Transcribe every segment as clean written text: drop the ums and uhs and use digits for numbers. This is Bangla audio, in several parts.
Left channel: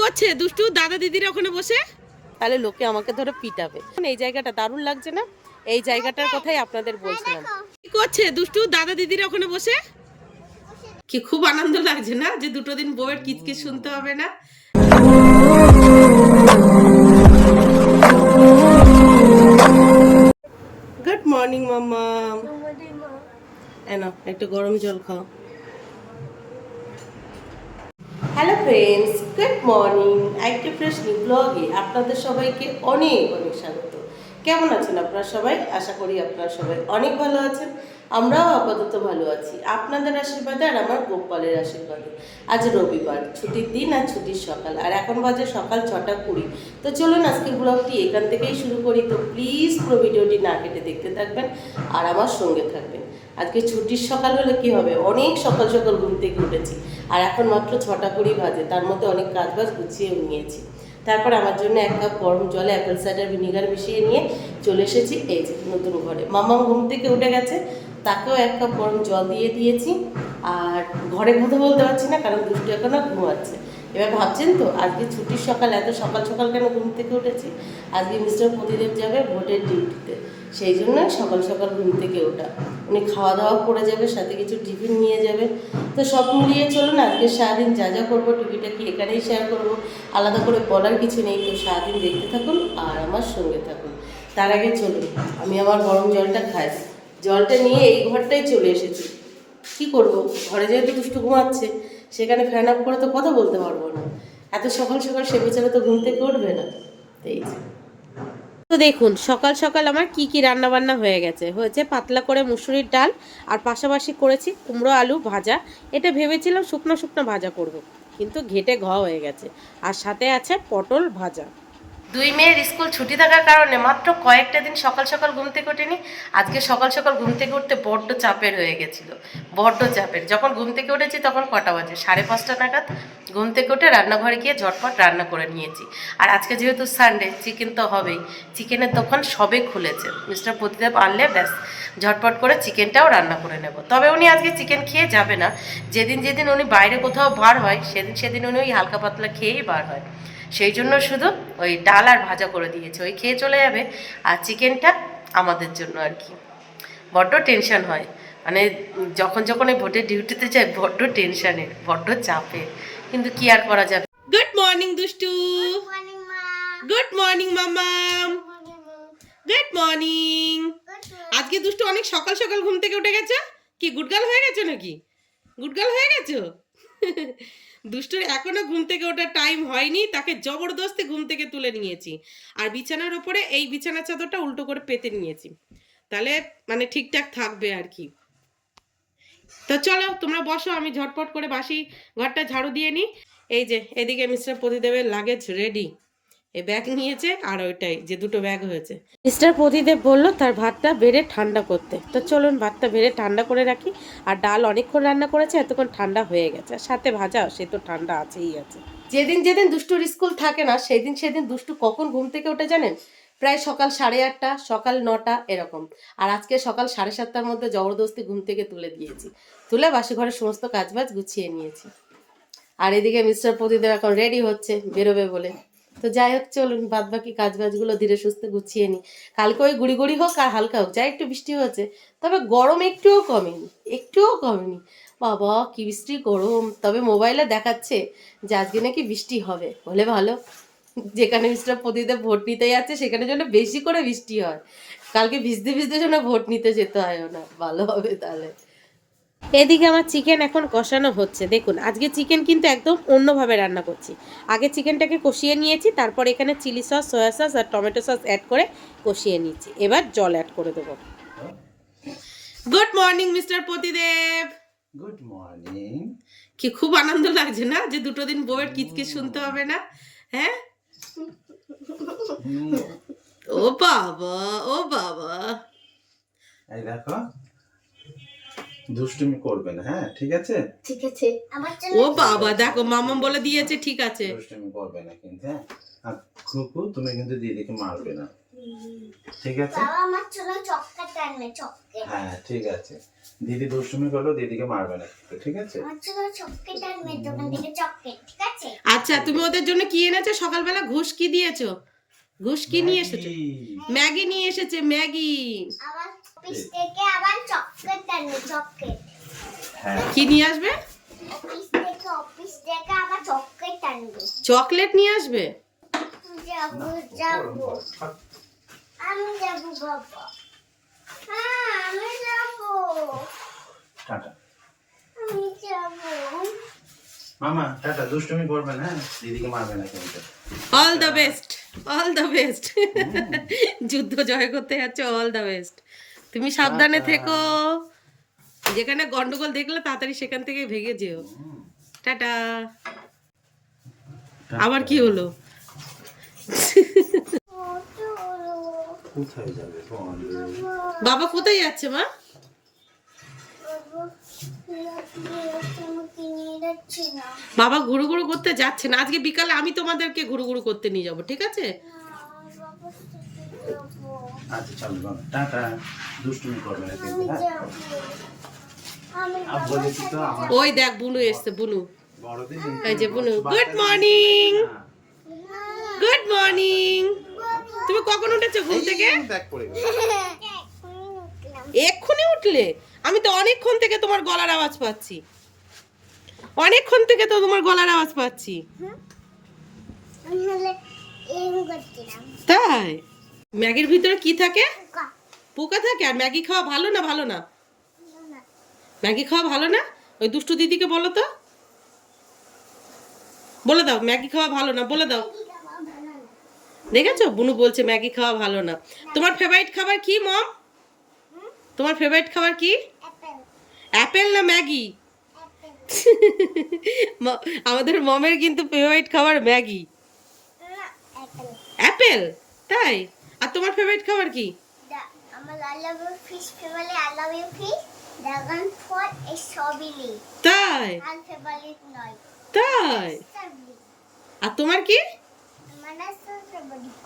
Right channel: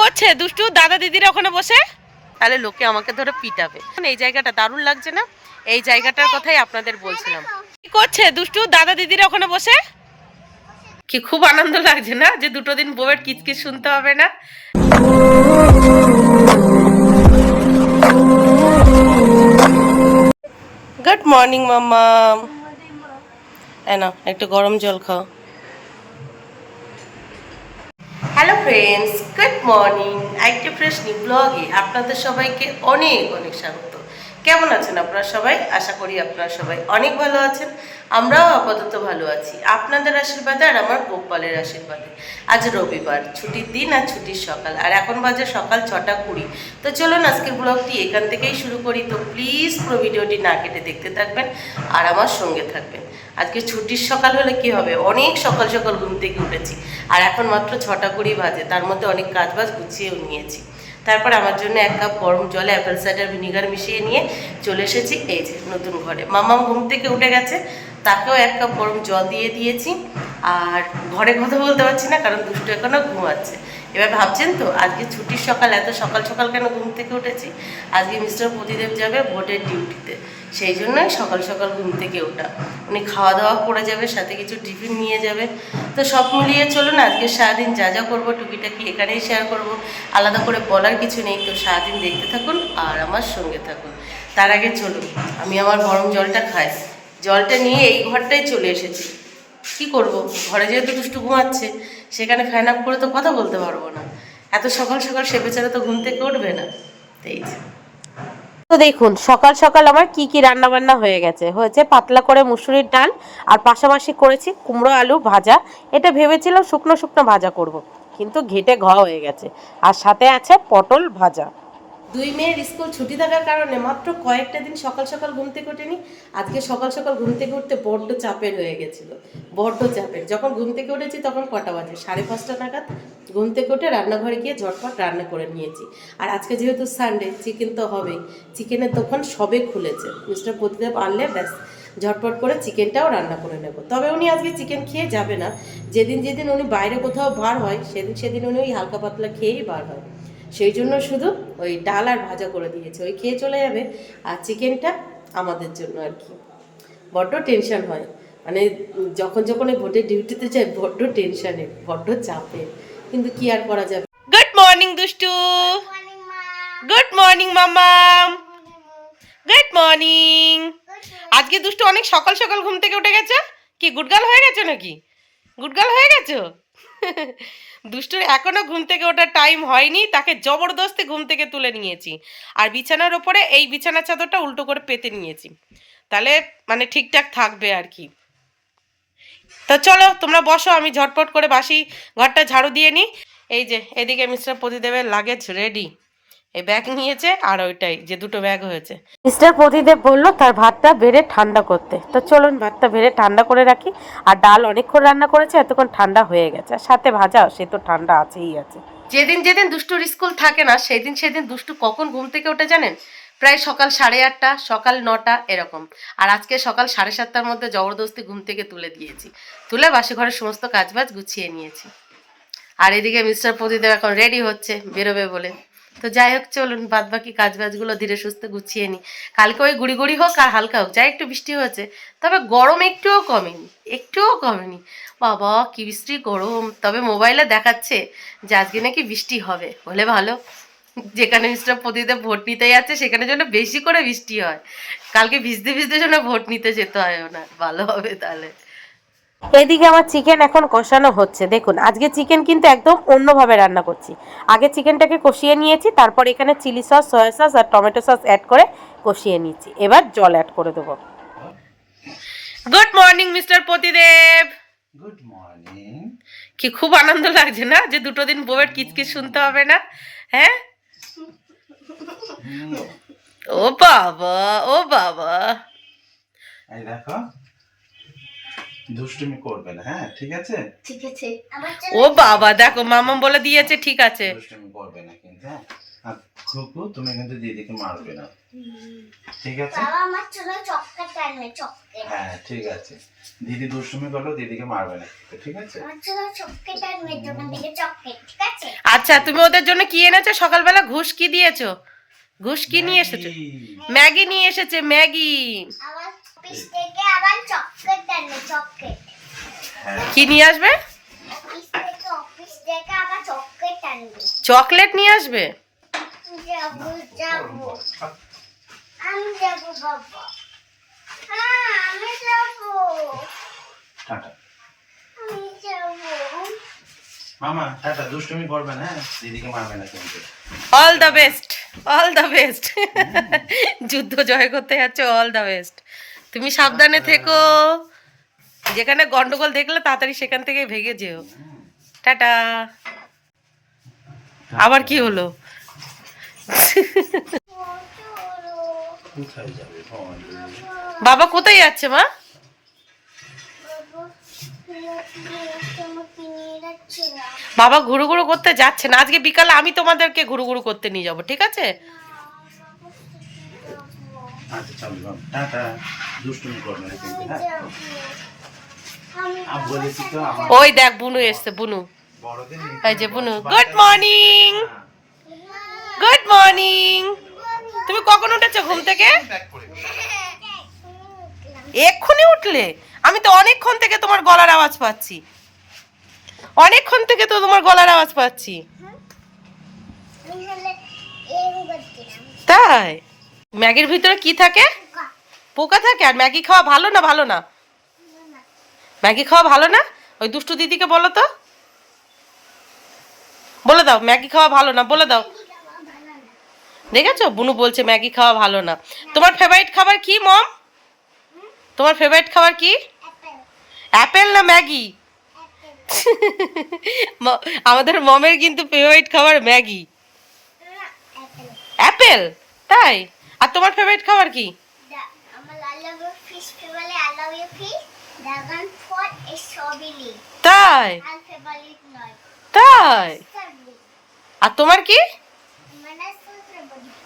করছে দুষ্টু দাদা দিদিরা ওখানে বসে? তাহলে লোকে আমাকে ধরে পিটাবে। এই জায়গাটা দারুণ লাগছে না? এই জায়গাটার কথাই আপনাদের বলছিলাম। কি করছে দুষ্টু দাদা দিদিরা ওখানে বসে? কি খুব আনন্দ লাগছে না যে দুটো দিন বউয়ের কিচকিচ শুনতে হবে না? গুড মর্নিং মাম্মা। না একটু গরম জল খাও। Hello friends, good morning. IT fresh new ব্লগে আপনাদের সবাইকে অনেক অনেক স্বাগত। কেমন আছেন আপনারা সবাই? আশা করি আপনারা সবাই অনেক ভালো আছেন। আমরাও আপাতত ভালো আছি আপনাদের আশীর্বাদে আর আমার গোপালের আশীর্বাদে। আজ রবিবার, ছুটির দিন আর ছুটির সকাল, আর এখন বাজে সকাল 6:20। তো চলুন আজকের ব্লগটি এখান থেকেই শুরু করি। তো প্লিজ পুরো ভিডিওটি না কেটে দেখতে থাকবেন আর আমার সঙ্গে থাকবেন। আজকে ছুটির সকাল হলে কি হবে, অনেক সকাল সকাল ঘুম থেকে উঠেছি আর এখন মাত্র 6:20 বাজে। তার মধ্যে অনেক কাজবাজ গুছিয়েও নিয়েছি। তারপর আমার জন্য 1 কাপ গরম জলে অ্যাপেল সাইডার ভিনিগার মিশিয়ে নিয়ে চলে এসেছি এই যে নতুন ঘরে। মামা ঘুম থেকে উঠে গেছে, তাকেও 1 কাপ গরম জল দিয়ে দিয়েছি। আর ঘরে কথা বলতে পারছি না কারণ দুষ্টু এখনও ঘুমাচ্ছে। এবার ভাবছেন তো আজকে ছুটির সকাল, এত সকাল সকাল কেন ঘুম থেকে উঠেছি? আজকে মিস্টার প্রদীপ যাবে ভোটের ডিউটিতে, সেই জন্যই সকাল সকাল ঘুম থেকে ওঠা। উনি খাওয়া দাওয়া করে যাবে, সাথে কিছু টিফিন নিয়ে যাবে। তো সব মিলিয়ে চলুন আজকে সারাদিন যা যা করবো টুকিটাকি এখানেই শেয়ার করব। আলাদা করে বলার কিছু নেই। তো সারাদিন দেখতে থাকুন আর আমার সঙ্গে থাকুন। তার আগে চলুন আমি আমার গরম জলটা খাই। জলটা নিয়ে এই ঘরটাই চলে এসেছি। কি করব, ঘরে যেহেতু দুষ্টু ঘুমাচ্ছে, সেখানে ফ্যান অফ করে তো কথা বলতে পারবো না। এত সকাল সকাল সে বেচারা তো ঘুম থেকে উঠবে না। এই যে তো দেখুন সকাল সকাল আমার কি কি রান্না বান্না হয়ে গেছে। হয়েছে পাতলা করে মুসুরির ডাল, আর পাশাপাশি করেছি কুমড়ো আলু ভাজা। এটা ভেবেছিলাম শুকনো শুকনো ভাজা করব, কিন্তু ঘেটে হয়ে গেছে। আর সাথে আছে পটল ভাজা। দুই মেয়ের স্কুল ছুটি থাকার কারণে মাত্র কয়েকটা দিন সকাল সকাল ঘুম থেকে ওঠেনি। আজকে সকাল সকাল ঘুম থেকে উঠতে বড্ড চাপের হয়ে গেছিলো, বড্ড চাপের। যখন ঘুম থেকে উঠেছি তখন কটা বাজে, 5:30 নাগাদ। ঘুম থেকে উঠে রান্নাঘরে গিয়ে ঝটপট রান্না করে নিয়েছি। আর আজকে যেহেতু সানডে, চিকেন তো হবেই। চিকেনের দোকান সবে খুলেছে, মিস্টার প্রতিদেব আনলে ব্যাস ঝটপট করে চিকেনটাও রান্না করে নেব। তবে উনি আজকে চিকেন খেয়ে যাবে না। যেদিন যেদিন উনি বাইরে কোথাও বার হয় সেদিন সেদিন উনি ওই হালকা পাতলা খেয়েই বার হয়। সেই জন্য শুধু ওই ডাল আর ভাজা করে দিয়েছে, ওই খেয়ে চলে যাবে। আর চিকেনটা আমাদের জন্য আর কি। বড্ড টেনশন হয়, মানে যখন যখন এই ভোটের ডিউটিতে যায় বড্ড টেনশনের, বড্ড চাপের, কিন্তু কি আর করা যাবে। গুড মর্নিং দুষ্টু। গুড মর্নিং মামাম। Good morning. আজকে দুষ্টু অনেক সকাল সকাল ঘুম থেকে উঠে গেছে। কি গুডগার্ল হয়ে গেছো নাকি? গুডগার্ল হয়ে গেছো? দুষ্টুর এখনো ঘুম থেকে ওঠার টাইম হয়নি, তাকে জবরদস্তি ঘুম থেকে তুলে নিয়েছি। আর বিছানার ওপরে এই বিছানার চাদরটা উল্টো করে পেতে নিয়েছি, তাহলে মানে ঠিকঠাক থাকবে আর কি। তো চলো তোমরা বসো, আমি ঝটপট করে বাসি ঘরটা ঝাড়ু দিয়ে নিই। এই যে এদিকে মিস্টার প্রতিদেবের লাগেজ রেডি, এই ব্যাগ নিয়েছে আর ওইটাই যে দুটো ব্যাগ হয়েছে। মিস্টার প্রতিদেব বলল তার ভাতটা বেড়ে ঠান্ডা করতে। তো চলুন ভাতটা বেড়ে ঠান্ডা করে রাখি। আর ডাল অনেকক্ষণ রান্না করেছে, এতক্ষণ ঠান্ডা হয়ে গেছে। আর সাথে ভাজা, সে তো ঠান্ডা আছেই আছে। যেদিন যেদিন দুষ্টুর স্কুল থাকে না সেদিন সেদিন দুষ্টু কখন ঘুম থেকে ওঠে জানেন? প্রায় সকাল 8:30, সকাল 9টা এরকম। আর আজকে সকাল 7:30টার মধ্যে জবরদস্তি ঘুম থেকে তুলে দিয়েছি, তুলে বাসি ঘরের সমস্ত কাজবাজ গুছিয়ে নিয়েছি। আর এদিকে মিস্টার প্রদীপ এখন রেডি হচ্ছে বেরোবে বলে। তো যাই হোক চলুন বাদ বাকি কাজ বাজগুলো ধীরে সুস্থে গুছিয়ে নিই। কালকে ওই গুড়ি গুড়ি হোক আর হালকা হোক, যাই একটু বৃষ্টি হয়েছে, তবে গরম একটুও কমেনি, একটুও কমেনি। বাবা কি বৃষ্টি গরম। তবে মোবাইলে দেখাচ্ছে যে আজকে নাকি বৃষ্টি হবে, হলে ভালো। যেখানে মিস্টার প্রদীপ ভোট নিতে যাচ্ছে সেখানে যেন বেশি করে বৃষ্টি হয়। কালকে ভিজতে ভিজতে যেন ভোট নিতে যেতে হয় না, ভালো হবে তাহলে। এদিকে আমার চিকেন এখন কষানো হচ্ছে। দেখুন আজকে চিকেন কিন্তু একদম অন্যভাবে রান্না করছি। আগে চিকেনটাকে কষিয়ে নিয়েছি, তারপর এখানে চিলি সস, সয়া সস আর টমেটো সস অ্যাড করে কষিয়ে নিয়েছি। এবার জল অ্যাড করে দেবো। Good morning mister Pratidev. Good morning. কি খুব আনন্দ লাগছে না যে দুটো দিন বউয়ের কিচকিচ শুনতে হবে না? হ্যাঁ ও বাবা, ও বাবা। এই দেখো দুষ্টুমি করবে না, হ্যাঁ ঠিক আছে? ঠিক আছে। ও বাবা দেখো মামাম বলে দিয়েছে ঠিক আছে। দুষ্টুমি করবে না কিন্তু, হ্যাঁ খুকু তুমি কিন্তু দিদিকে মারবে না, ঠিক আছে? বাবা আমার জন্য চকলেট আনবে, চকলেট। হ্যাঁ ঠিক আছে, দিদি দুষ্টুমি করলো, দিদিকে মারবে না, ঠিক আছে? আমার জন্য চকলেট আনবে, দোকান থেকে চকলেট, ঠিক আছে? আচ্ছা, তুমি ওদের জন্য কি এনেছো? সকালবেলা ঘুষ কি দিয়েছো? ঘুষ কি নিয়ে এসেছো? ম্যাগি নিয়ে এসেছে, ম্যাগি। আবার অফিস থেকে আবার চকলেট আনবে, চকলেট। হ্যাঁ কি নিয়ে আসবে? অফিস থেকে আবার চকলেট আনবে। চকলেট নিয়ে আসবে? যাবো যাবো আমি যাবো বাবা। হ্যাঁ আমি যাবো, টাটা আমি যাবো। মামা, টাটা। দুষ্টুমি করবে না, হ্যাঁ? দিদিকে মারবে না কিন্তু। All the best, all the best. যুদ্ধ জয় করতে যাচ্ছ, অল দ্য বেস্ট। তুমি সাবধানে থেকো, যেখানে গন্ডগোল দেখলে তাড়াতাড়ি সেখান থেকে ভেগে যেও। টাটা। আবার কি হলো? কোথায় যাবে বল? বাবা কোথায় যাচ্ছে মা? বাবা ঘুরু ঘুরু করতে যাচ্ছে না, আজকে বিকালে আমি তোমাদেরকে ঘুরু ঘুরু করতে নিয়ে যাবো, ঠিক আছে? আচ্ছা চলো বাবা, টাটা। দুষ্টুমি করবে না কিন্তু, হ্যাঁ? আর বলেছি তো আমার ওই দেখ বুনু এসছে, বুনু। বড়দের এই যে বুনু, গুড মর্নিং, গুড মর্নিং। তুমি কখন উঠেছো ঘুম থেকে? ব্যাগ পড়ে গেল। এক্ষুনি উঠলে? আমি তো অনেকক্ষণ থেকে তোমার গলার আওয়াজ পাচ্ছি, অনেকক্ষণ থেকে তো তোমার গলার আওয়াজ পাচ্ছি। তাই? ম্যাগির ভিতরে কি থাকে? পোকা থাকে? আর ম্যাগি খাওয়া ভালো না? ভালো না? ম্যাগি খাওয়া ভালো না? ওই দুষ্টু দিদিকে বলো তো, বলে দাও ম্যাগি খাওয়া ভালো না, বলে দাও। দেখেছো, বুনু বলছে ম্যাগি খাওয়া ভালো না। তোমার ফেভারিট খাবার কি মম? তোমার ফেভারিট খাবার কি? অ্যাপেল না ম্যাগি? আমাদের মমের কিন্তু ফেভারিট খাবার ম্যাগি, অ্যাপেল। তাই? আর তোমার ফেভারিট খাবার কি? তাই? তাই? আর তোমার কি?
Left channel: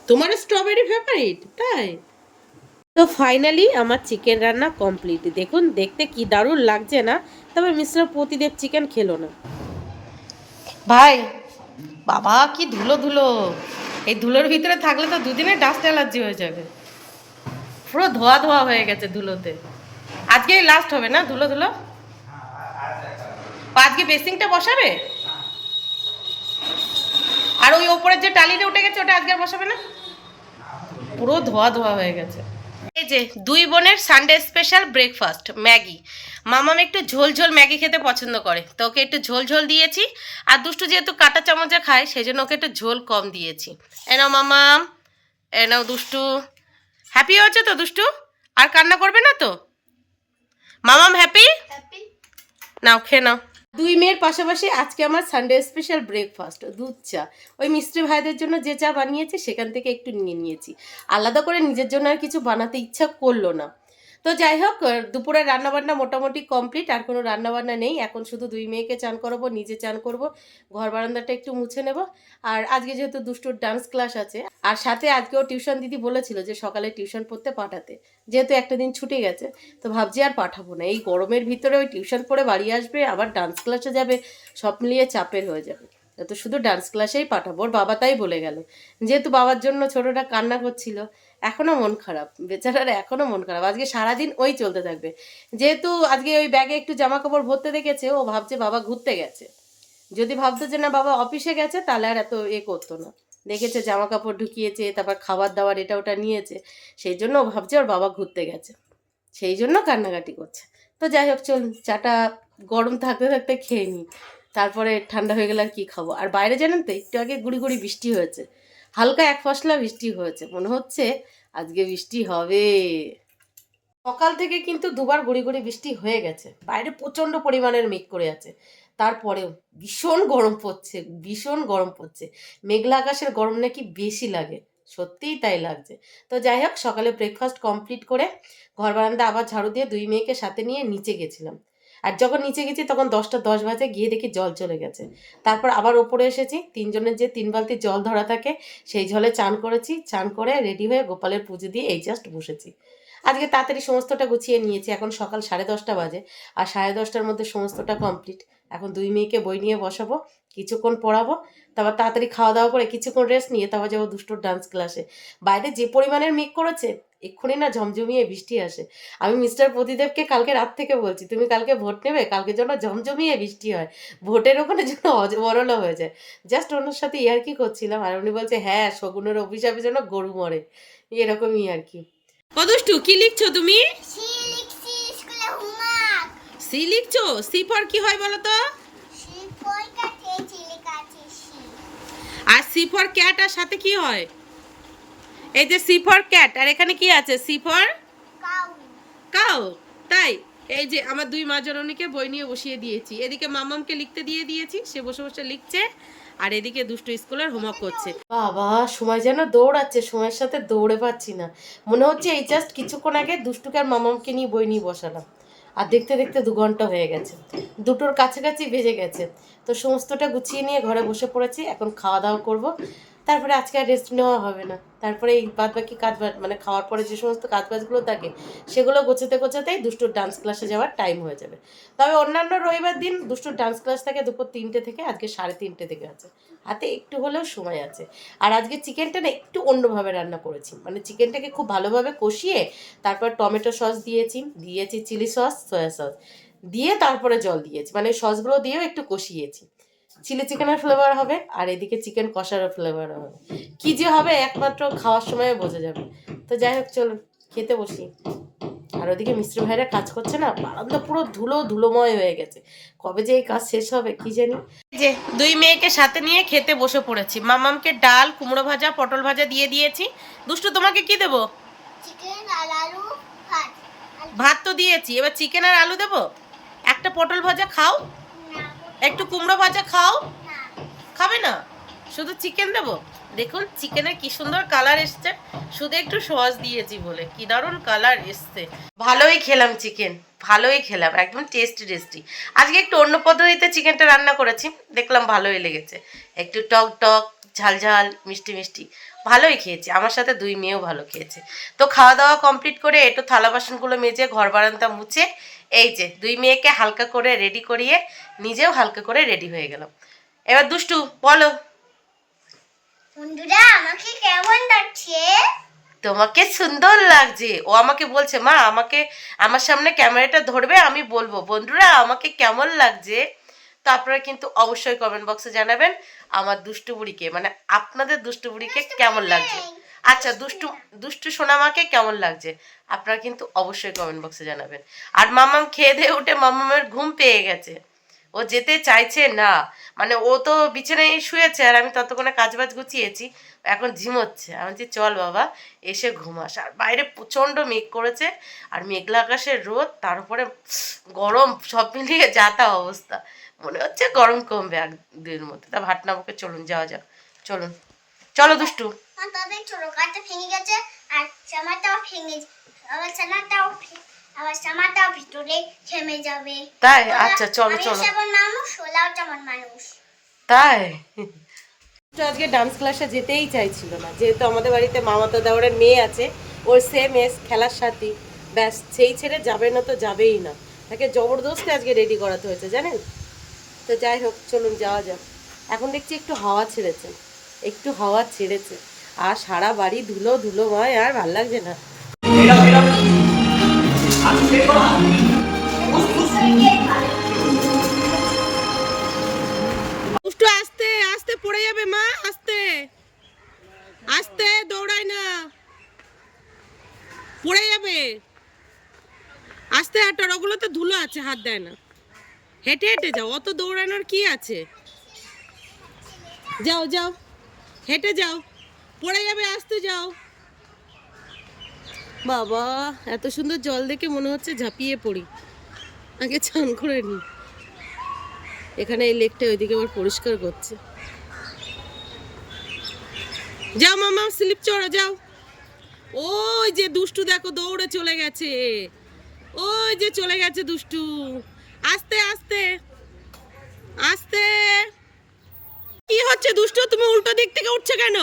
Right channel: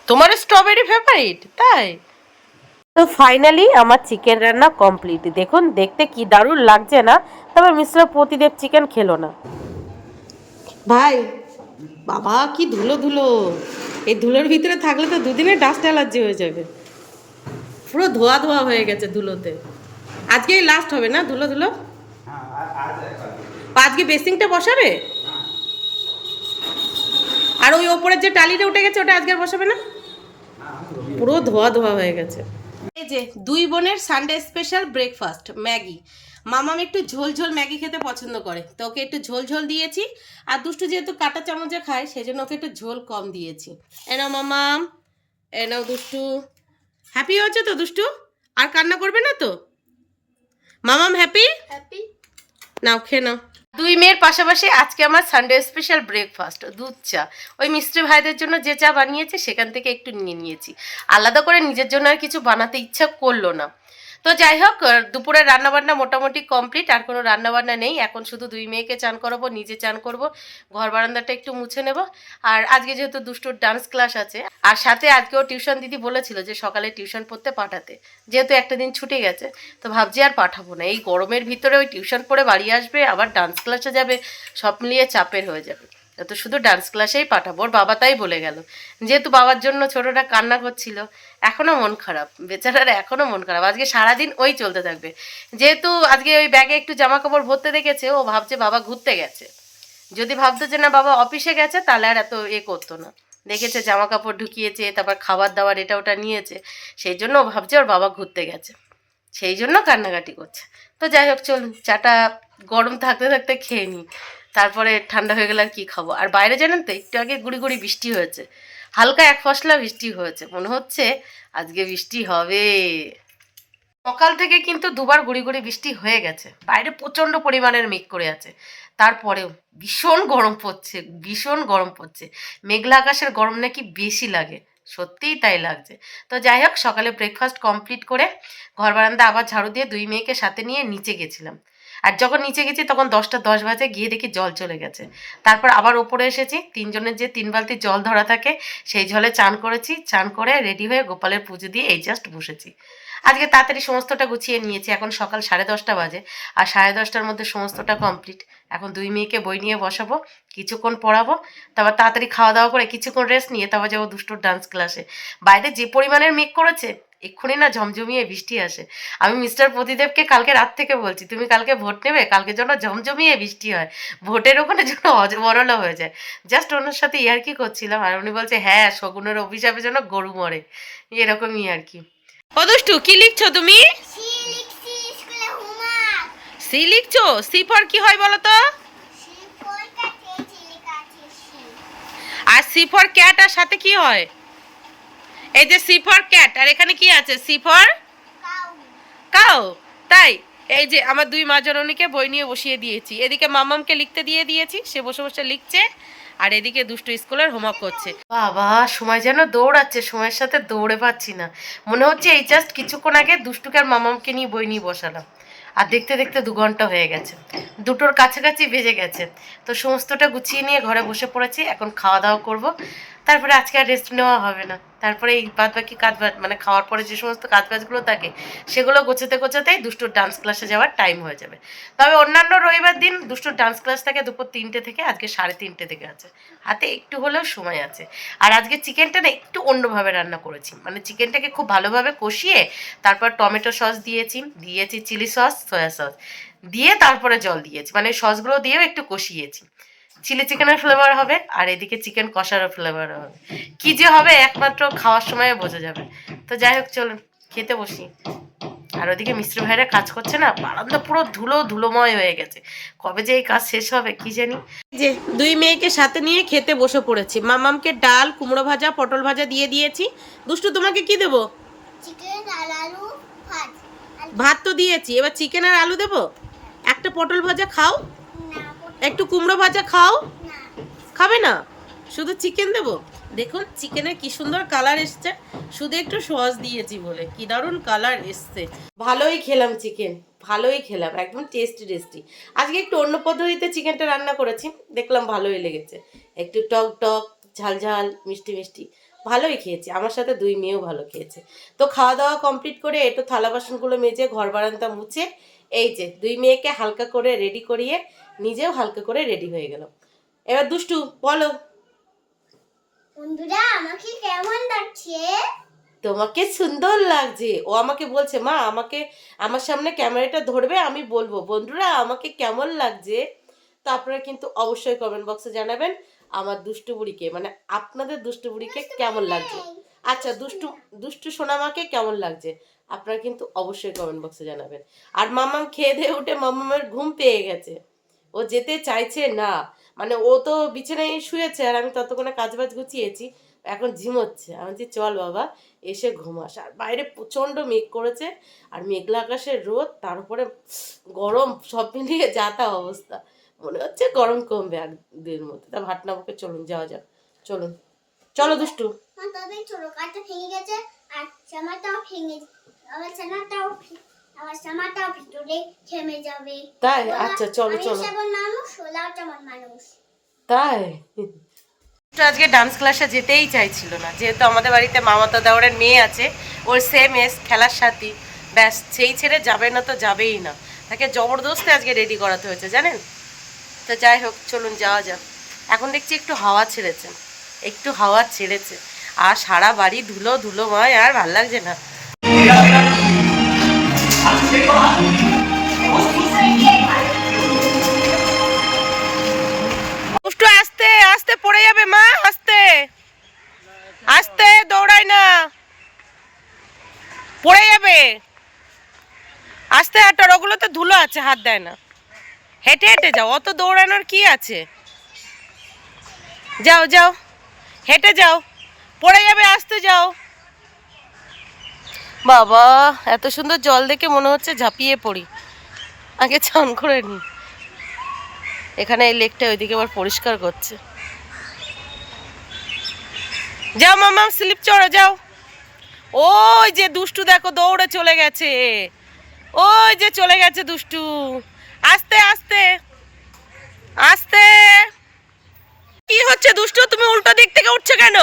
তোমার স্ট্রবেরি ফেভারিট? তাই? তো ফাইনালি আমার চিকেন রান্না কমপ্লিট। দেখুন দেখতে কি দারুণ লাগছে না? তবে মিস্টার প্রতিদেব চিকেন খেলো না ভাই। বাবা কি ধুলো ধুলো, এই ধুলোর ভিতরে থাকলে তো দুদিনে ডাস্ট অ্যালার্জি হয়ে যাবে। পুরো ধোয়া ধোয়া হয়ে গেছে ধুলোতে। আজকেই লাস্ট হবে না ধুলো ধুলো? আজকে বেসিংটা বসাবে? আর ওই ওপরের যে টালিটা উঠে গেছে ওটা আজকে আর বসাবে না? পুরো ধোয়া ধোয়া হয়ে গেছে। এই যে দুই বোনের সানডে স্পেশাল ব্রেকফাস্ট ম্যাগি। মামাম একটু ঝোল ঝোল ম্যাগি খেতে পছন্দ করে, তো ওকে একটু ঝোল ঝোল দিয়েছি। আর দুষ্টু যেহেতু কাঁটা চামচে খায় সেই জন্য ওকে একটু ঝোল কম দিয়েছি। এনাও মামাম, এনাও দুষ্টু। হ্যাপি হয়েছে তো দুষ্টু? আর কান্না করবে না তো? মামাম হ্যাপি? নাও খেয়ে নাও। দুই মেয়ের পাশাপাশি আজকে আমার সানডে স্পেশাল ব্রেকফাস্ট দুধ চা। ওই মিস্ত্রি ভাইদের জন্য যে চা বানিয়েছি সেখান থেকে একটু নিয়ে নিয়েছি, আলাদা করে নিজের জন্য আর কিছু বানাতে ইচ্ছা করলো না। তো যাই হোক, দুপুরের রান্নাবান্না মোটামুটি কমপ্লিট, আর কোনো রান্নাবান্না নেই। এখন শুধু দুই মেয়েকে চান করাবো, নিজে চান করব, ঘর বারান্দাটা একটু মুছে নেব। আর আজকে যেহেতু দুষ্টুর ডান্স ক্লাস আছে, আর সাথে আজকেও টিউশন দিদি বলেছিল যে সকালে টিউশন পড়তে পাঠাতে, যেহেতু একটা দিন ছুটে গেছে তো ভাবছি আর পাঠাবো না। এই গরমের ভিতরে ওই টিউশন পড়ে বাড়ি আসবে, আবার ডান্স ক্লাসে যাবে, সব মিলিয়ে চাপের হয়ে যাবে। তো শুধু ডান্স ক্লাসেই পাঠাবো। ওর বাবা তাই বলে গেল, যেহেতু বাবার জন্য ছোটটা কান্না করছিল, এখনো মন খারাপ বেচারার, এখনো মন খারাপ। আজকে সারাদিন ওই চলতে থাকবে। যেহেতু আজকে ওই ব্যাগে একটু জামা কাপড় ভরতে দেখেছে, ও ভাবছে বাবা ঘুরতে গেছে। যদি ভাবতো যে না বাবা অফিসে গেছে তাহলে আর এত করতো না। দেখেছে জামা কাপড় ঢুকিয়েছে, তারপর খাবার দাবার এটা ওটা নিয়েছে, সেই জন্য ও ভাবছে ওর বাবা ঘুরতে গেছে, সেই জন্য কান্নাকাটি করছে। তো যাই হোক চলুন, চাটা গরম থাকতে থাকতে খেয়ে নিই, তারপরে ঠান্ডা হয়ে গেলে আর কী খাবো। আর বাইরে জানেন তো একটু আগে গুড়ি গুড়ি বৃষ্টি হয়েছে, হালকা এক ফসলা বৃষ্টি হয়েছে, মনে হচ্ছে আজকে বৃষ্টি হবে। সকাল থেকে কিন্তু দুবার গুড়ি গুড়ি বৃষ্টি হয়ে গেছে, বাইরে প্রচণ্ড পরিমাণের মেঘ করে আছে, তারপরেও ভীষণ গরম পড়ছে, ভীষণ গরম পড়ছে। মেঘলা আকাশের গরম নাকি বেশি লাগে, সত্যিই তাই লাগছে। তো যাই হোক, সকালে ব্রেকফাস্ট কমপ্লিট করে ঘর বারান্দা আবার ঝাড়ু দিয়ে দুই মেয়েকে সাথে নিয়ে নিচে গেছিলাম। আর যখন নিচে গেছি তখন 10টা 10 বাজে, গিয়ে দেখি জল চলে গেছে। তারপর আবার ওপরে এসেছি, 3 জনের যে 3 বালতি জল ধরা থাকে সেই জলে চান করেছি, চান করে রেডি হয়ে গোপালের পুজো দিয়ে এই জাস্ট বসেছি। আজকে তাড়াতাড়ি সমস্তটা গুছিয়ে নিয়েছি, এখন সকাল 10:30 বাজে, আর 10:30টার মধ্যে সমস্তটা কমপ্লিট। এখন 2 মেয়েকে বই নিয়ে বসাবো, কিছুক্ষণ পড়াবো, তারপর তাড়াতাড়ি খাওয়া দাওয়া করে কিছুক্ষণ রেস্ট নিয়ে তারপর যাবো দুষ্টুর ডান্স ক্লাসে। বাইরে যে পরিমাণের মেঘ করেছে, এক্ষুনি না ঝমঝমিয়ে বৃষ্টি আসে। আমি মিস্টার প্রদীপকে কালকে রাত থেকে বলছি, তুমি কালকে ভোট নেবে, কালকে যেন ঝমঝমিয়ে বৃষ্টি হয়, ভোটের ওখানে যেন অজবরল হয়ে যায়। জাস্ট ওনার সাথে ইয়ার্কি করছিলাম, আর উনি বলছে হ্যাঁ শগুনের অভিশাপে যেন গরু মরে, এরকমই আর কি। ও দুষ্টু, কি লিখছো তুমি? সি লিখছি স্কুলে হোমওয়ার্ক। সি লিখছো? সি ফর কি হয় বলো তো? সি ফরটা চেয়েছি লেখা আছে সি। আর সি ফর ক্যাট, আর সাথে কি হয়? এই যে সি ফর ক্যাট, আর এখানে কি আছে? See for cow. কাউ। তাই এই যে আমার 2 মা জননীকে বই নিয়ে বসিয়ে দিয়েছি, এদিকে মামামকে লিখতে দিয়ে দিয়েছি, সে বসে বসে লিখছে, আর এদিকে দুষ্টু স্কুলের হোমওয়ার্ক করছে। বাবা সময় যেন দৌড়াচ্ছে, সময়ের সাথে দৌড়ে পাচ্ছি না। মনে হচ্ছে এই জাস্ট কিছুক্ষণ আগে দুষ্টুকে আর মামামকে নিয়ে বই নিয়ে বসালাম, আর দেখতে দেখতে 2 ঘন্টা হয়ে গেছে, 2টোর কাছাকাছি বেজে গেছে। তো সমস্তটা গুছিয়ে নিয়ে ঘরে বসে পড়েছি, এখন খাওয়া দাওয়া করব, তারপরে আজকে আর রেস্ট নেওয়া হবে না। তারপরে এই বাদ বাকি কাজ মানে খাওয়ার পরে যে সমস্ত কাজবাজগুলো থাকে সেগুলো গোছাতে গোছাতেই দুষ্টুর ডান্স ক্লাসে যাওয়ার টাইম হয়ে যাবে। তবে অন্যান্য রবিবার দিন দুষ্টুর ডান্স ক্লাস থাকে দুপুর 3টে থেকে, আজকে 3:30 থেকে আছে, হাতে একটু হলেও সময় আছে। আর আজকে চিকেনটা না একটু অন্যভাবে রান্না করেছি, মানে চিকেনটাকে খুব ভালোভাবে কষিয়ে তারপর টমেটো সস দিয়েছি চিলি সস, সয়া সস দিয়ে তারপরে জল দিয়েছি, মানে সসগুলো দিয়েও একটু কষিয়েছি। চিলি চিকেনের ফ্লেভার হবে, আর এদিকে চিকেন কষারও ফ্লেভার হবে, কি যে হবে একমাত্র খাওয়ার সময় বোঝা যাবে। তো যাই হোক চলুন খেতে বসি। আর ওদিকে মিস্ত্রি ভাইরা কাজ করছে না, বারান্দা পুরো ধুলোময় হয়ে গেছে, কবে যে এই কাজ শেষ হবে কি জানি। যে 2 মেয়েকে সাথে নিয়ে খেতে বসে পড়েছি, মামামকে ডাল, কুমড়ো ভাজা, পটল ভাজা দিয়ে দিয়েছি। দুষ্টু তোমাকে কি দেবো? চিকেন আর আলু ভাত। ভাত তো দিয়েছি, এবার চিকেন আর আলু দেবো। একটা পটল ভাজা খাও, না একটু কুমড়ো ভাজা খাও। না। খাবে না, শুধু চিকেন দেবো? দেখুন চিকেনের কি সুন্দর কালার এসছে, শুধু একটু সস দিয়েছি বলে কি দারুণ কালার এসছে। ভালোই খেলাম চিকেন, ভালোই খেলাম, একদম টেস্টি। আজকে একটু অন্য পদ্ধতিতে চিকেনটা রান্না করেছি, দেখলাম ভালোই লেগেছে, একটু টক টক ঝাল ঝাল মিষ্টি, ভালোই খেয়েছি। আমার সাথে 2 মেয়েও ভালো খেয়েছে। তো খাওয়া দাওয়া কমপ্লিট করে একটু থালা বাসনগুলো মেজে ঘর বারান্দা মুছে এই যে 2 মেয়েকে হালকা করে রেডি করিয়ে নিজেও হালকা করে রেডি হয়ে গেলাম। এবার দুষ্টু বলো। বন্ধুরা আমাকে কেমন লাগছে? তোমাকে সুন্দর লাগছে। ও আমাকে বলছে মা আমাকে আমার সামনে ক্যামেরাটা ধরবে, আমি বলবো বন্ধুরা আমাকে কেমন লাগছে। তো আপনারা কিন্তু অবশ্যই কমেন্ট বক্সে জানাবেন আমার দুষ্টু বুড়িকে, মানে আপনাদের দুষ্টু বুড়িকে কেমন লাগছে। আচ্ছা দুষ্টু সোনামাকে কেমন লাগছে আপনারা কিন্তু অবশ্যই কমেন্ট বক্সে জানাবেন। আর মামাম খেয়ে দিয়ে উঠে মামামের ঘুম পেয়ে গেছে, ও যেতে চাইছে না, মানে ও তো বিছানায় শুয়েছে আর আমি ততক্ষণে কাজবাজ গুছিয়েছি, এখন ঝিমোচ্ছে। আমি বলছি চল বাবা এসে ঘুমাস। আর বাইরে প্রচণ্ড মেঘ করেছে, আর মেঘলা আকাশের রোদ, তার উপরে গরম, সব মিলিয়ে যা তা অবস্থা। মনে হচ্ছে গরম কমবে 1-2 মধ্যে। তা ভাটনাবুকে চলুন যাওয়া যাক, চলো দুষ্টু। তবে ছোট কাঠটা ভেঙে গেছে আর জামাটাও ভেঙে, আমার জামাটাও ভিতরে থেমে যাবে। তাই আচ্ছা চলো। আমি যেমন মানুষ ওলাও তেমন মানুষ। তাই আজকে ডান্স ক্লাসে যেতেই চাইছিল না, যেহেতু আমাদের বাড়িতে মামাতো দেওরের মেয়ে আছে, ওর সেম এজ, খেলার সাথী, ব্যাস সেই ছেড়ে যাবে না তো যাবেই না, তাকে জবরদস্তি আজকে রেডি করাতে হয়েছে জানেন। তো যাই হোক চলুন যাওয়া যাক। এখন দেখছি একটু হাওয়া ছেড়েছে, আর সারা বাড়ি ধুলোময়, আর ভাল লাগছে না। দুষ্টু আস্তে আস্তে পড়ে যাবে মা, আস্তে দৌড়াই না, পড়ে যাবে, আস্তে হাঁটার, ওগুলো তো ধুলো আছে, হাত দেয় না, হেঁটে যাও, অত দৌড়ানোর কি আছে, যাও হেঁটে যাও, পড়ে যাবে, আস্তে যাও। বাবা এত সুন্দর জল দেখে মনে হচ্ছে ঝাঁপিয়ে পড়ি, আগে চান করে নি। এখানে এই লেকটা ওইদিকে আবার পরিষ্কার করছে। যাও মামা স্লিপ চড়ো যাও। ওই যে দুষ্টু দেখো দৌড়ে চলে গেছে, ওই যে চলে গেছে দুষ্টু, আস্তে আস্তে আস্তে। কি হচ্ছে দুষ্টু, তুমি উল্টো দিক থেকে উঠছো কেন?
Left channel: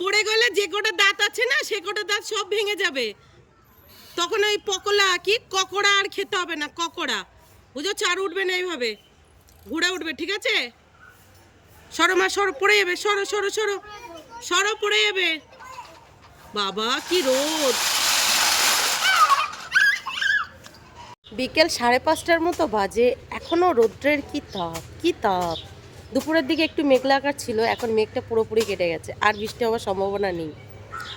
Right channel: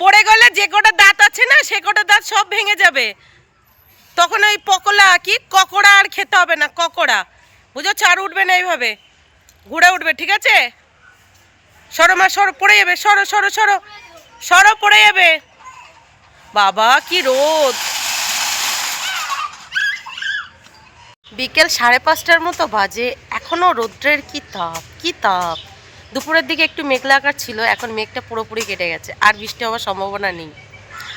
পড়ে গেলে যে কটা দাঁত আছে না সে কটা দাঁত সব ভেঙে যাবে। তখন ওই পকোড়া কি ককড়া আর খেতে হবে না, ককড়া বুঝেছো? আর উঠবে না এইভাবে, ঘুরে উঠবে, ঠিক আছে? সরো মা, সরো, পড়ে যাবে, সরো সরো সরো সরো, পড়ে যাবে। বাবা কি রোদ! বিকেল 5:30টার মতো বাজে, এখনো রৌদ্রের কি তাপ, কি তাপ! দুপুরের দিকে একটু মেঘলা আকার ছিল, এখন মেঘটা পুরোপুরি কেটে গেছে, আর বৃষ্টি হওয়ার সম্ভাবনা নেই।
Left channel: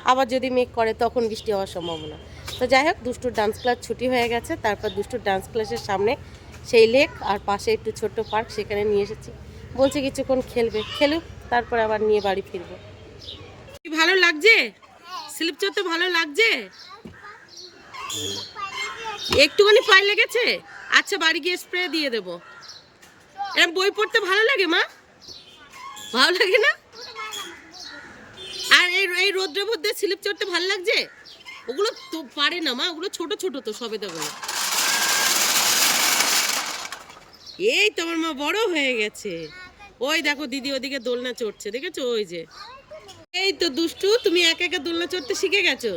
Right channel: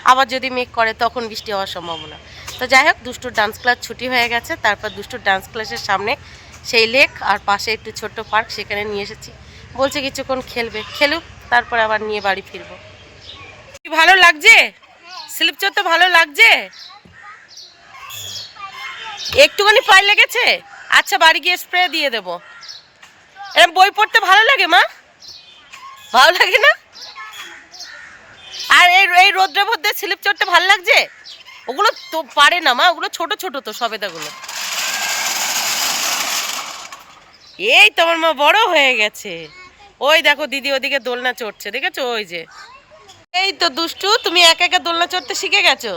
আবার যদি মেঘ করে তখন বৃষ্টি হওয়ার সম্ভাবনা। তো যাই হোক, দুষ্টুর ডান্স ক্লাস ছুটি হয়ে গেছে। তারপর দুষ্টুর ডান্স ক্লাসের সামনে সেই লেক আর পাশে একটু ছোট্ট পার্ক, সেখানে নিয়ে এসেছি। বলছে কিছুক্ষণ খেলবে, খেলুক, তারপর আবার নিয়ে বাড়ি ফিরবো। কি ভালো লাগছে? স্লিপ চড়তে ভালো লাগছে? একটুখানি পায়ে লেগেছে? আচ্ছা, বাড়ি গিয়ে স্প্রে দিয়ে দেবো। এরকম বই পড়তে ভালো লাগে মা? ভালো লাগে না? আর এই রোদ্রের মধ্যে স্লিপ চড়তে ভালো লাগছে? ওগুলো তো পারে না মা, ওগুলো ছোট ছোট তো সবেদাগুলো। এই তোমার মা বড় হয়ে গেছে। ওই দেখো দিদি ওদিকে দোলনা চড়ছে, দেখেছো? ওই যে, এই তো দুষ্টু, তুমি একা একা দোলনা চড়তে শিখে গেছো।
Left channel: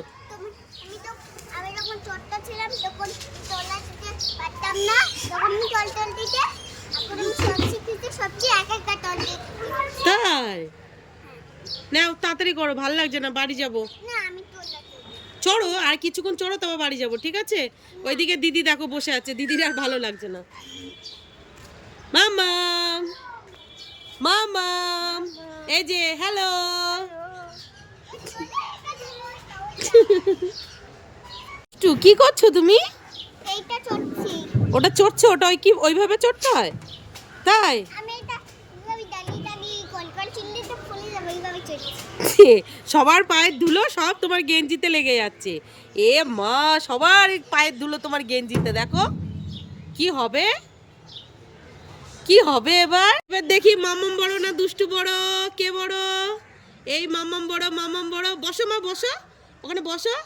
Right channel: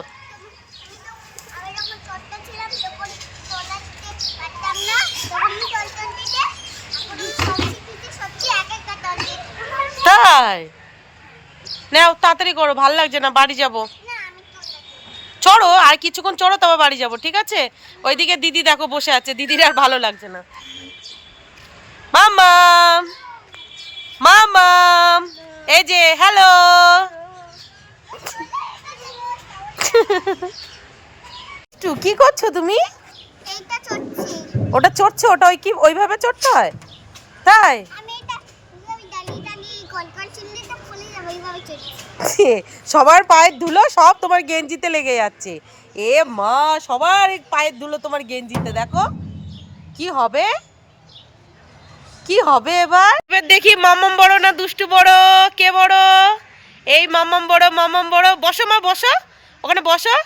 আমি যখন ছোট্ট ছিলাম তখন তোলা থেকে পারতাম না, তখন আমি টলটল দিতে, এখন আমি সব শিখেছি, সবচেয়ে এক একটা টলটল। তাই নাও, তাড়াতাড়ি করো, ভাল লাগছে না, বাড়ি যাব। না আমি তোলা চড়ো, আর কিছুক্ষণ চড়ো, তবে বাড়ি যাব, ঠিক আছে? ওইদিকে দিদি দেখো বসে আছে, দিদির আর ভালো লাগছে না। মামাম, মামাম, এই যে হ্যালো। কি করছো তুমি? এইটা চড়ছি। ওটা চড়ছো? ওটা ওই কি ওইভাবে চড়তে হয়? তাই? আমি এটা ওই ডালি ডালি কল কল চিল্লি তো ফুলে যাবে, এইভাবে চড়ছি। সবার পায়ের ধুলো সব তোমার গেঞ্জিতে লেগে যাচ্ছে। এ মা, সবার পায়ের ধুলো তোমার গেঞ্জিতে, দেখো কি হবে, কি হবে এবার। এবার দেখি মামাম বড় না দুষ্টু বড়, কে বড়? এই মামাম বড়, মামাম বড়। বসো মা, বসো, ওখানে বসো।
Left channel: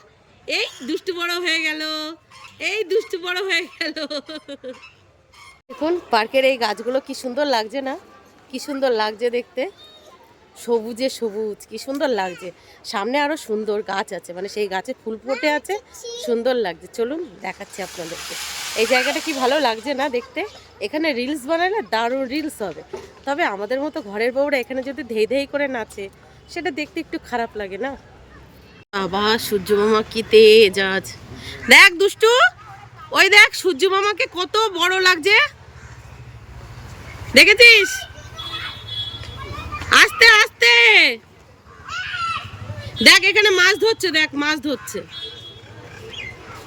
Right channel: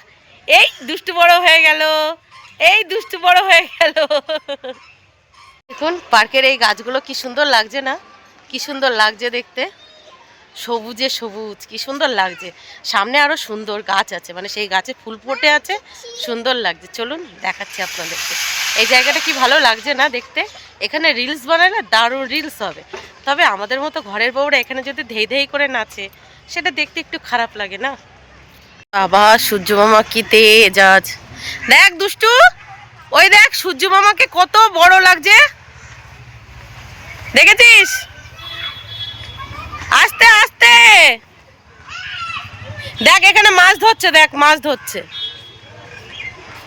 এই দুষ্টু বড় হয়ে গেল, এই দুষ্টু বড় হয়ে গেল। দেখুন পার্কের এই গাছগুলো কি সুন্দর লাগছে না? কি সুন্দর লাগছে দেখতে, সবুজে সবুজ, কি সুন্দর লাগছে। সামনে আরো সুন্দর গাছ আছে, মানে সেই গাছে ফুল ফুটে আছে, সুন্দর লাগছে। চলুন দেখাচ্ছি আপনাদেরকে। এই জায়গাটা কি ভালো লাগছে না দেখতে? এখানে রিলস বানায় না, দারুণ রিলস হবে। তবে আমাদের মতো ঘরের বউরা এখানে যদি ধেই ধেই করে নাচে, সেটা দেখতে একটু খারাপ লাগে না? বাবা, সূর্য মামা কি তেজ আজ! দেখ দুষ্টু, ওই দেখ সূর্য মামাকে কত বড় লাগছে, দেখেছিস? আস্তে আস্তে দেখ, এখানে মাছ ধরছে, দেখ মাছ ধরছে,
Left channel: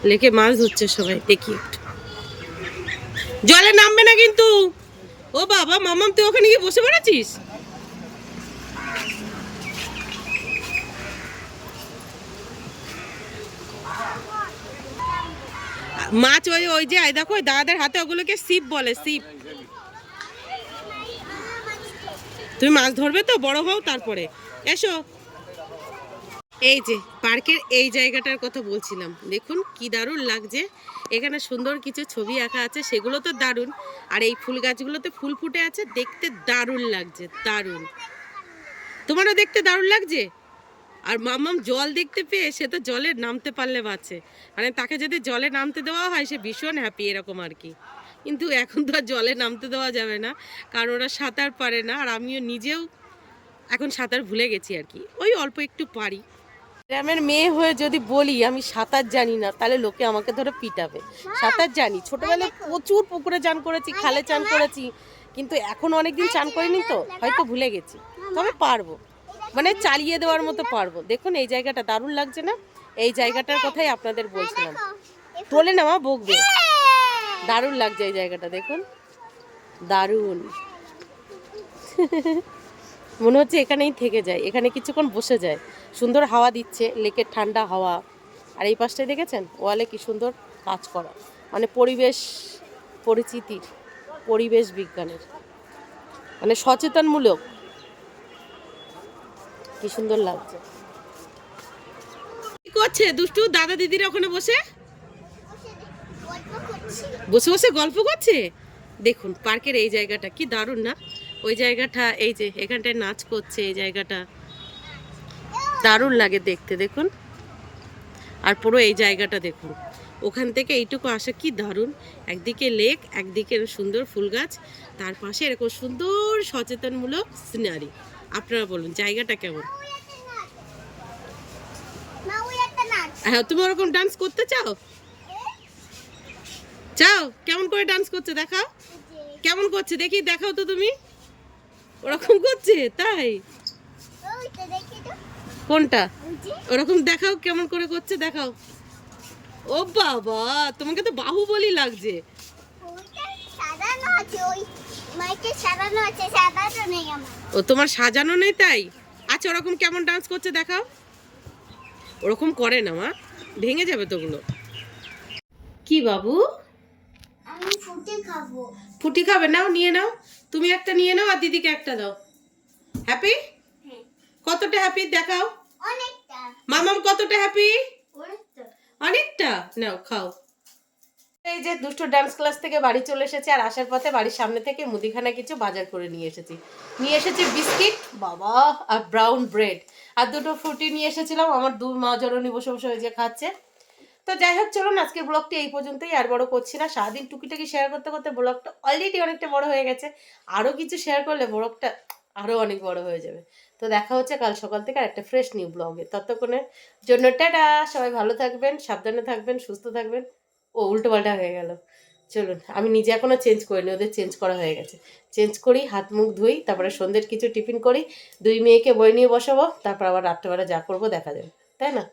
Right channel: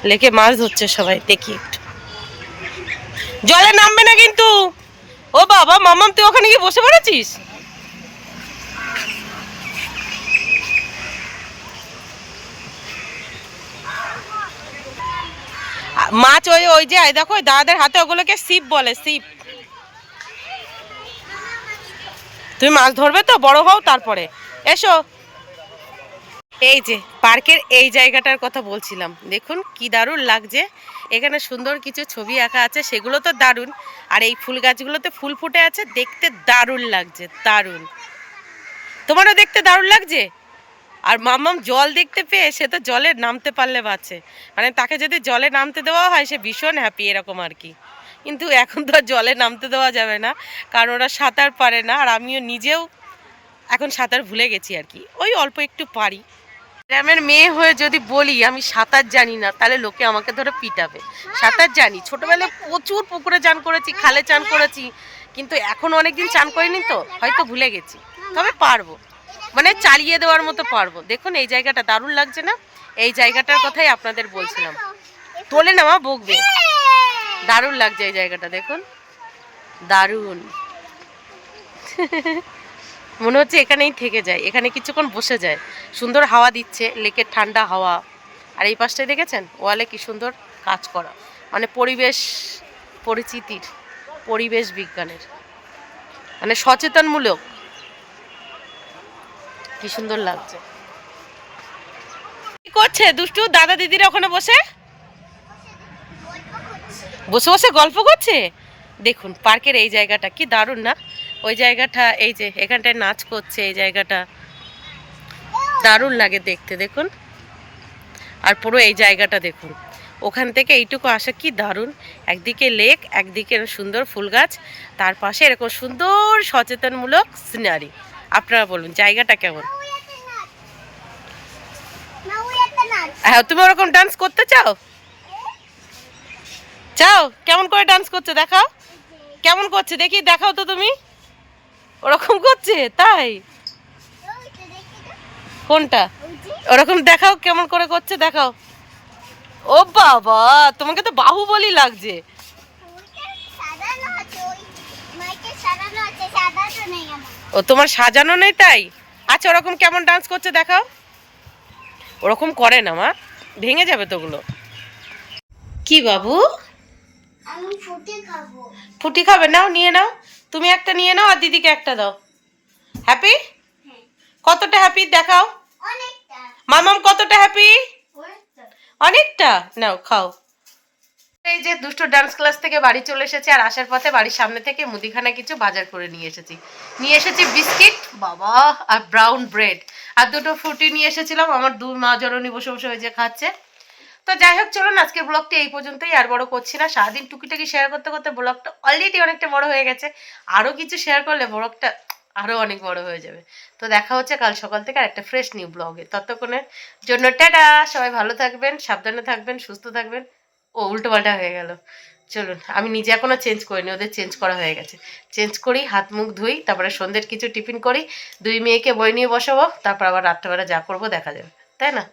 লেকে মাছ ধরছে সবাই। দেখি একটু, জলে নামবে না কিন্তু। ও বাবা, মামাম তুই ওখানে গিয়ে বসে পড়েছিস? মাছ ওই ওই যে দেখো, ওই দাদাদের হাতে ওগুলোকে সিপ বলে, সিপ। তুমি মাছ ধরবে তো, বড় হও তারপরে এসো। এই যে পার্কের এই জায়গাটার কথা বলছিলাম, দেখুন কি দারুণ লাগছে। এখানে সুন্দর কিছু ছবি আঁকা আছে, সেগুলো তো দারুণ। আর এই ফুল গাছগুলোতে ফুল ফুটে আছে, দেখতে দারুণ লাগছে, দারুণ। তোমারও দেখতে দারুণ লাগছে। আর মামাম জল দেখতে পেয়ে সে তো জলে নামতে পারলে বাঁচে, মানে তাকে যদি জলে নামতে দেওয়া হয় সে ভীষণ হ্যাপি, এরকম আর কি। কিন্তু এখন তো আর জলে নামতে দেওয়া যাবে না, কারণ ওরা সাঁতার পারে না। আর আমিও নিজেও এখন সাঁতার ভুলে গেছি আর কি, ওই অল্প একটু পারি। গ্রামের মেয়ে হয়ে যদি বলি আমি সাঁতার জানি না, তাহলে লোকে আমাকে ধরে পিটাবে। সাঁতার জানি, ছোটবেলায় প্রচুর পুকুরে চান করেছি, খালে চান করেছি, কিন্তু এখন অনেকদিন চান করিনি তো হয়তো ভুলে গেছি, তবে পারবো, মানে চালিয়ে দেওয়ার মতো পারবো। দেখুন এই জায়গাটা দারুণ লাগছে না? এই জায়গাটার কথাই আপনাদের বলছিলাম। তোলে না মা, বকবে। দারুণ লাগছে এই জায়গাটা, দেখুন দারুণ। মনে হচ্ছে এখানেই থেকে যায়, এখানে কিছুক্ষণ বসে যায়। সুন্দর হাওয়া দিচ্ছে, লেকের ঠান্ডা হাওয়া। আর এই পাশটায় দেখেছেন ওয়ালে কি সুন্দর কাজ করা, মানে পরিবেশ পরিচিতির, পরিবেশ বিজ্ঞানের, মানে সচেতনমূলক। কি সুন্দর লাগছে। কি করছে দুষ্টু দাদা দিদিরা ওখানে বসে? গল্প করছি। বসে বসে গল্প করছে? দেখুন পার্কের এই জায়গাটা কি দারুণ না? ওই জায়গাটা এই যে এখানটায় নাচ করছে, এই জায়গাটা দারুণ লাগে দেখতে, দেখুন। আর পুরো এই জায়গাটা দেখুন, ওখান থেকে এইটুকু আসা কি দারুণ। একদিকে লেক, একদিকে সুন্দর ফুল গাছ, তার পাশে এরকম সুন্দর সচেতনমূলক সিনারি। আপনারা বলুন জায়গাটা কেমন? মা ওই একটা নাচ হ্যাঁ, তুমি ওরকম ডান্স করতে চাও? চাও? কেমন করে ডান্স করছে দেখাও, কেমন করছে দেখি, দেখাও তো তুমি। ওরকম করছে তাই? ওইটা দেখি তো কোনটা? ওই যে ওরকম দেখাও, কেমন করে করছে দেখাও। ও বাবা, তোমাকে তো বাহুবলী লাগছে। ওইটা সাজানো আছে, ওই মাইকে সাজানো আছে, সাজানো নেই আমার। ও তোমার সাজানো নেই তাই? আচ্ছা, ওরকম কেমন ডান্স করছে দেখাও। ওরকম করে না মা, ভেঙে যাবে তো ওগুলো। কি বাবু, আমি ফুটে খাবো। ফুটি খাবে? নাও, নিয়ে নাও, তুমি একটা নিয়ে নাও আর দিদিকে একটা দাও। হ্যাপি? হ্যাঁ কতটা হ্যাপি দেখাও। অনেকটা মামাম কতটা হ্যাপি? অনেকটা অনেকটা। নাও খাও। এই যে দুষ্টু ডান্স ক্লাস থেকে বাড়ি চলে এসেছে, আর আসার পথে বাড়ির সামনে থেকে মুদিখানা কিছু বাজার করে নিয়ে এসেছি বিস্কিট বাবা, আর ব্রাউন ব্রেড, আর দুটো ফ্রুটি নিয়ে এসেছিলাম। আমার দুই মা জননী বসে বসে ওই যে খাচ্ছে। তো যাই হোক, চলুন আজকের ব্লগটি এই পর্যন্তই, আর বড় করছি না। সারাদিন টুকিটাকি শেয়ার করতে করতে ব্লগটা অলরেডি অনেকটা বড় হয়ে গেছে। আরও কিছু শেয়ার করলে ব্লগটা আরও অনেক বড় হয়ে যাবে। তো দেখা হচ্ছে কাল সকাল থেকে আর একটা ফ্রেশ নিউ ব্লগে। ততক্ষণের জন্য টাটা। সবাই ভালো থাকবেন, সাবধানে থাকবেন, সুস্থ থাকবেন। ও উল্টো পাল্টা হয়ে গেল। চলুন, আমি নিজে এখনও চেঞ্জ করিনি, ওদের চেঞ্জ করা হয়ে গেছে। চেঞ্জ করি, হাত মুখ ধুই, তারপরে সন্ধ্যের কিছু টিফিন করি, দুই মেয়েকে বই নিয়ে বসাবো, তারপর আবার রাত্রেবেলা যা করবো দেখা যাবে, তাই না?